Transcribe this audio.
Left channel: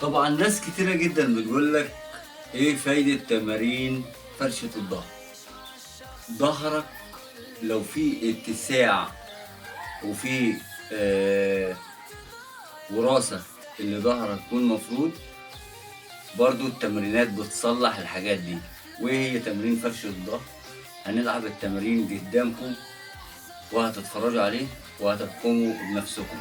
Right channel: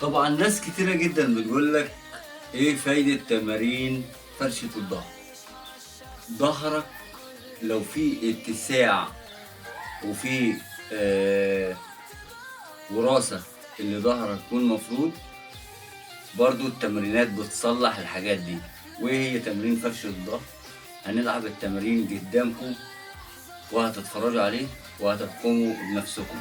طبعا ناس كتيرة جدا بتقول لك ايه فايدة تمارين فرشة الظهر. ظهرك لو في اتساع وفي وراثة اللي ظهرك يكون مفروض، برضو التمرينات بتصلح الحاجات دي. وايه هي تمرين فرش الظهر؟ هنلعب التمرين قدامكم وهتتفرجوا عليه وهتحكموا بنفسكم.